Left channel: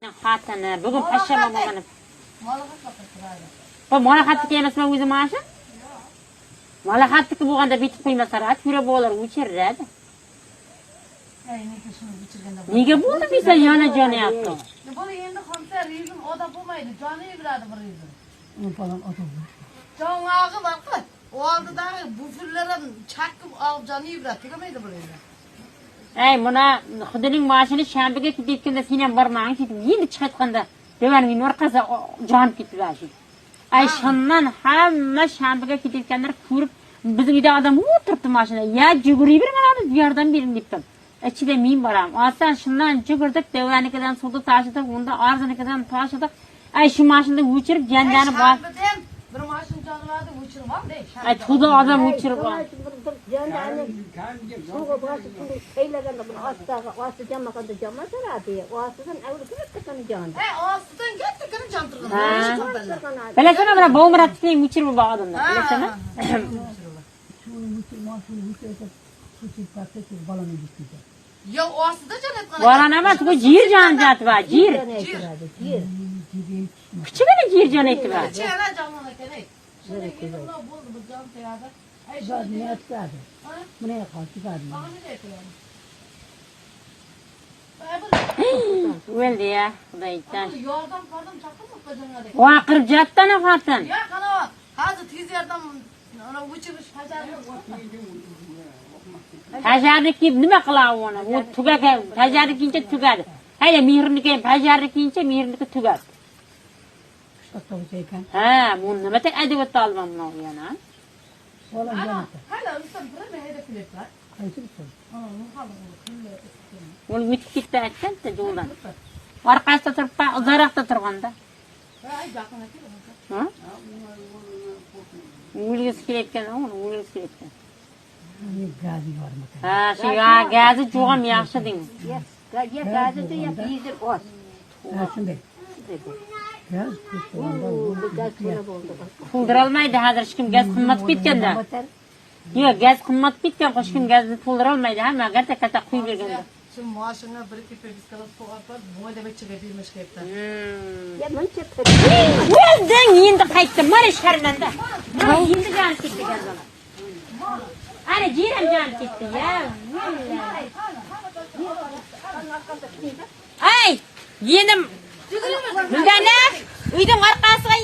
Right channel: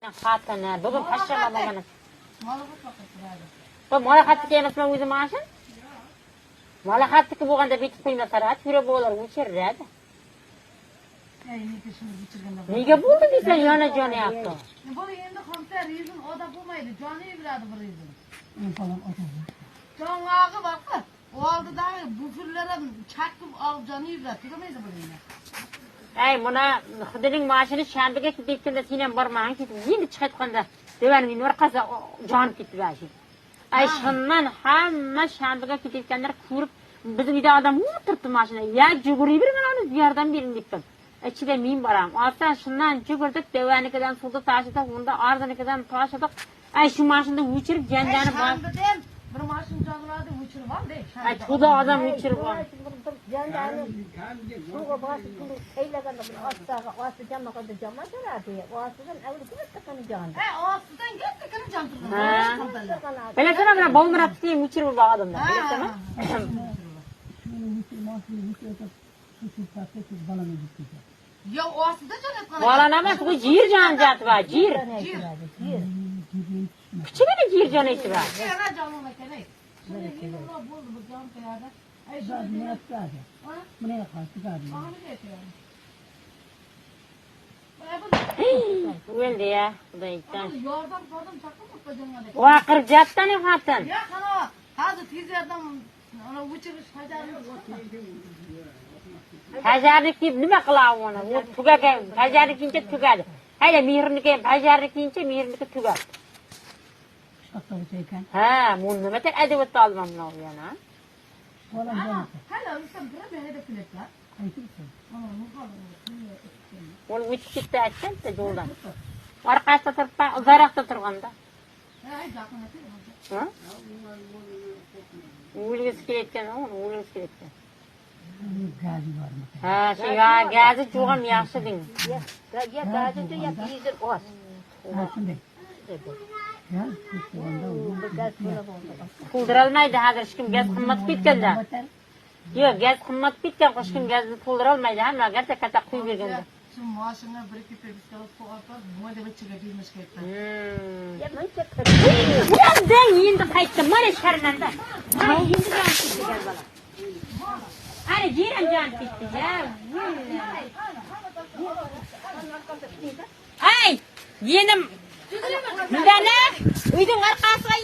Xatini bugun pashshama bo'lganim. Bu mola xatniki emasmi o'zi mana shu? Mola xatniki bo'lganda bitib qo'ymasalar, ko'ra bo'lar o'chiradi. Nega bo'ldi desa yana jonyapti. Bu endi xomsa rizm oda bo'lmaydi, joni yuradi bu rizm. Jonog'i boqqa. Oldidagi bufullardan chaqib olib joni yuradi, tugamaydi bu rizm. Ey, buna xudining mashini shanbaga ketganda sen ham bormang, ketib endi chiqayotganda devaning orqasi jonib ketdi. Ay, shundan hamma shanbaga ketayotganlar ko'rib, bizning uyda odam o'tiribdi mashina. Ya juguriy bir mana yordam bering debdim. Ichida men boram. Ostan shundan jugurdik, devanikidan suvni tashidik, unda arzanikidan tashidik. Ay, shu mashinada o'chirib jandani bor. Bir mashin jonladi o'chirib oldi. Ay, xudo odam o'chirib oldi. Jandani suvga bosib qaylaganda buni ostidan jamaqada jamasaradi. Ostidan avval ketgan jon. Ostidan ketgan jon turgan. Bilasana bana Bağımrat'ın uçurumu bağladım da. Bilasana. Yo, ostidan jon etgan. Varan ama bu cir can jatı var. Cir. Küçüğüne cir can eti var. Yana jonona kerak. Shunday endi bo'ldi bu jon tayyorda. Ay, shunday nima qiladi? Buni qiladi. Öldü ya. Dayıktan. Yordam qildim, chaqirmoqqa jonga. Vaqir jattana xatan. Ya, qana, hozir tez yordam ana o'chirish fajarni Fajarniki nima qiladi uni? U tugaga fajarnikincha tugadi. Hayla mehrniki fajarnikincha mehrniki tugadi. Ha, bu nima tek adabiyotda olmam yana. Hala ustam bir heda qilyapti. Uni o'tib ketdi aytganda yo'ldan. Orqasida turib, uzoqda turganda. Ha? O'lgisi kelayotgan, uni o'lgisi kelayotgan. Ha, shu gazi jo'g'am yaxshi deng. Gazi ya dizel oz. To'ldirolmaydi hozir hech kim gaz qimmat ketganda. Yo'q, gaz qimmat ketgan, hech kim gazni to'ldirolmaydi. Hamma katta quyib berganda. Shu mashina bir ikki pekislar qo'yib, mo'yda bichiga bermish ketdi. Ya buncha Elding endi qaytdi, mana sharmanda. Endi jon ketdi gazlar. Ana jiram jon ketdi ya. Ay, yenim. Bundana, uyning orqasiga